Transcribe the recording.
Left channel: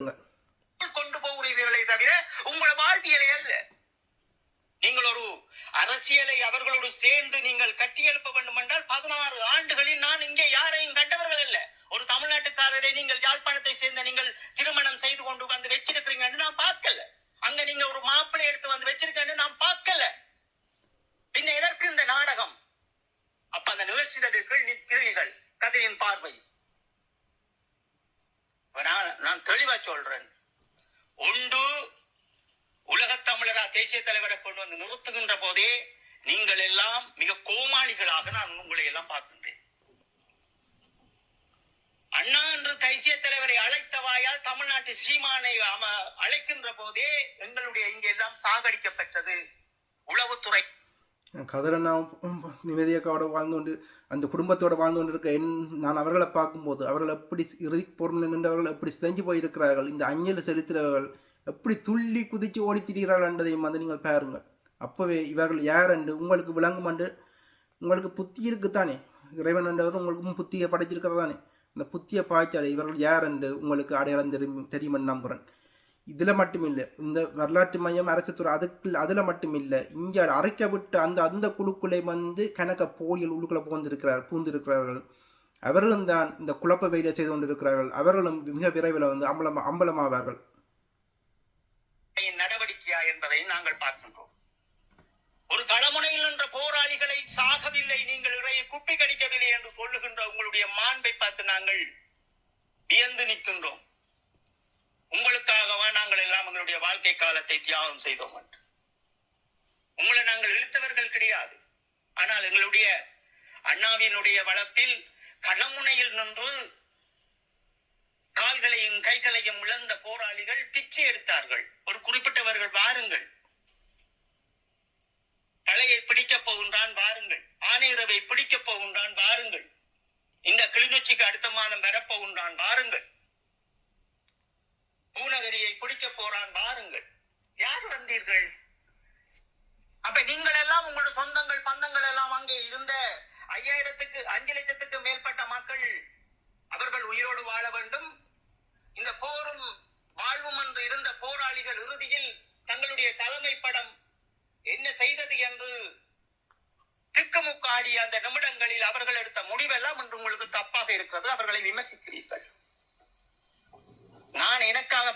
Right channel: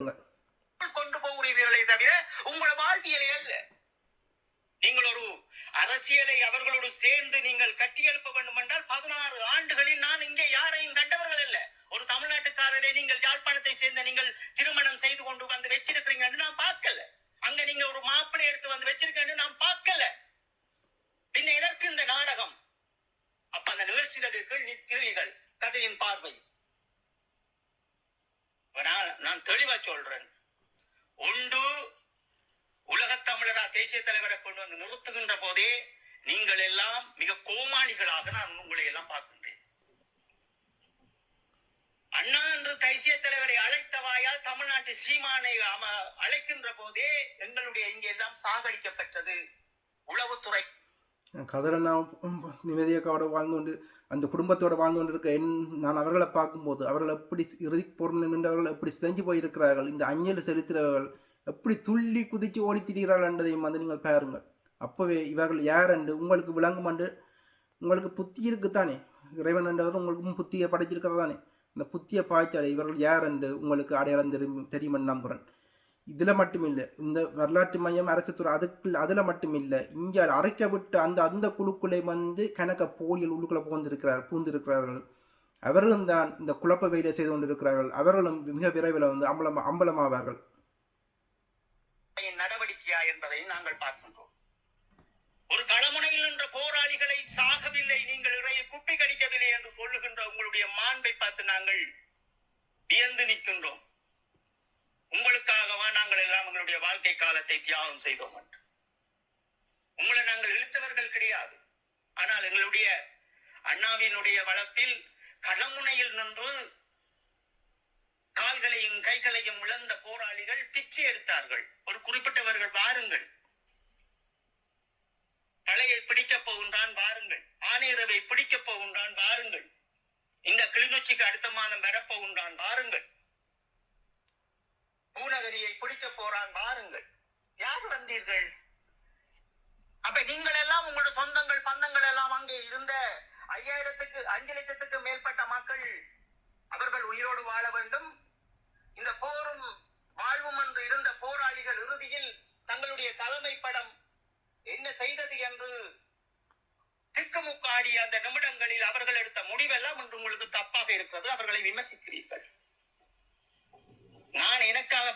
கொண்டு போகிறீர்களே தவிர உங்கள் வாழ்வியலை அல்ல. நீங்கள் ஒரு அரசியலை அவர்களோடு சேர்ந்து நீங்கள் கட்டியெழுப்ப வேண்டும் என்றால் 16 ஆண்டுகளில் நான் இங்கே யாரையும் கண்டவர்கள் அல்ல. ஒரு தமிழ்நாட்டுக்காரரை நீங்கள் யாழ்ப்பாணத்தை சேர்ந்த நீங்கள் திருமணம் செய்து கொண்டு வந்து வச்சிருக்கிறீங்கன்னு நான் பார்க்கல. அங்க நீங்க ஒரு மாப்பிள்ளை எடுத்து வந்து வச்சிருக்கேன்னு நான் பார்க்கல. பின்ன எதற்கு இந்த நாடகம்? அப்ப அந்த நிகழ்ச்சிகளுக்கு நிற்கிறீர்கள் கதையின் பார்வை. நான் தெளிவா சொல்றேன். ஒன்று உலகத் தமிழரா தேசிய தலைவரை கொண்டு வந்து நிறுத்துகின்ற போதே நீங்கள் எல்லாம் மிக கோமாளிகளாக நான் உங்களை எல்லாம் பார்க்கின்றேன். அண்ணா என்று தேசிய தலைவரை அழைத்த வாயால் தமிழ்நாட்டு சீமானை அழைக்கின்ற போதே எங்களுடைய இங்கே எல்லாம் சாகடிக்கப்பட்டது உளவுத்துறை. கதிரண்ணா நிம்மதியக்காவோட வாழ்ந்து கொண்டு அந்த குடும்பத்தோடு வாழ்ந்து கொண்டு இருக்க நான் அவர்களை பார்க்கும்போது அவர்கள் எப்படி இறுதி பொருள் நின்றவர்கள் எப்படி சிதைஞ்சு போயிருக்கிறார்கள், இந்த அஞ்சலி செலுத்துகிறவர்கள் எப்படி துள்ளி குதித்து ஓடி திரிகிறார்கள் என்றதையும் வந்து நீங்கள் பாருங்கள். அப்போவே இவர்கள் யார் என்று உங்களுக்கு விளங்கும் என்று உங்களுக்கு புத்தி இருக்குத்தானே. இறைவன் என்றவர் உங்களுக்கு புத்தியை படைச்சிருக்கிறதானே. அந்த புத்தியை பாய்ச்சாலே இவர்கள் யார் என்று உங்களுக்கு அடையாளம் தெரியுமென்னு நம்புகிறேன். இதில் மட்டும் இல்லை, இந்த வரலாற்று மையம் அரசுத்துறை அதில் மட்டும் இல்லை, இங்கே அரைக்க விட்டு அந்த குழுக்குள்ளே வந்து கணக்க போலியல் உள்ளுக்குள்ளே பூந்திருக்கிறார்கள். அவர்களும் தான் இந்த குழப்ப வேலை செய்து கொண்டிருக்கிறார்கள். அவர்களும் மிக விரைவில் வந்து அம்பலமாவார்கள். நடவடிக்கையா என்பதை நாங்கள் பார்க்கின்றோம். ஒரு களமுனையில் நின்ற போராளிகளை சாகவில்லை, நீங்கள் இறையை குப்பி கடிக்கவில்லை என்று சொல்லுகின்ற உங்களுடைய மாண்பை பார்த்து நாங்கள் வியந்து நிற்கின்றோம். உங்களுக்காகவா நாங்கள் எல்லாம் எங்களுடைய வாழ்க்கை காலத்தை தியாகம் செய்தோம் என்று. உங்களை நாங்கள் இழுத்தவர்கள் கிடையாது. ஆனால் எங்களுடைய அண்ணாவினுடைய வளர்ப்பில் களமுனையில் நின்று கால்களையும் கைகளையும் இழந்த போராளிகள் பிச்சை எடுத்தார்கள். ஒரு குறிப்பிட்டவர்கள் வாருங்கள், தலையை பிடிக்கப் போகின்றான் வாருங்கள், ஆணையரவை பிடிக்கப் போகின்றான் வாருங்கள், இந்த கிளிநொச்சிக்கு அடுத்த மாதம் வரப்போகின்றான் வாருங்கள், பூநகரியை பிடிக்க போறான் வாருங்கள். யார் வந்தீர்கள்? அப்ப நீங்கள் எல்லாம் உங்களோட சொந்தங்கள் பந்தங்கள் எல்லாம் அங்கே இருந்த 5 லட்சத்துக்கு மேற்பட்ட மக்கள் அவர்கள் உயிரோடு வாழ வேண்டும். இந்த போரும் வாழ்வும் என்று இருந்த போராளிகள் இறுதியில் தங்களுடைய தலைமை படம் என்ன செய்தது என்று திக்குமுக்காடிய அந்த நிமிடங்களில் அவர்கள் எடுத்த முடிவெல்லாம் என்று உங்களுக்கு தப்பாக இருக்கிறது. அவர்களை விமர்சிக்கிறீர்கள். நான் எனக்காக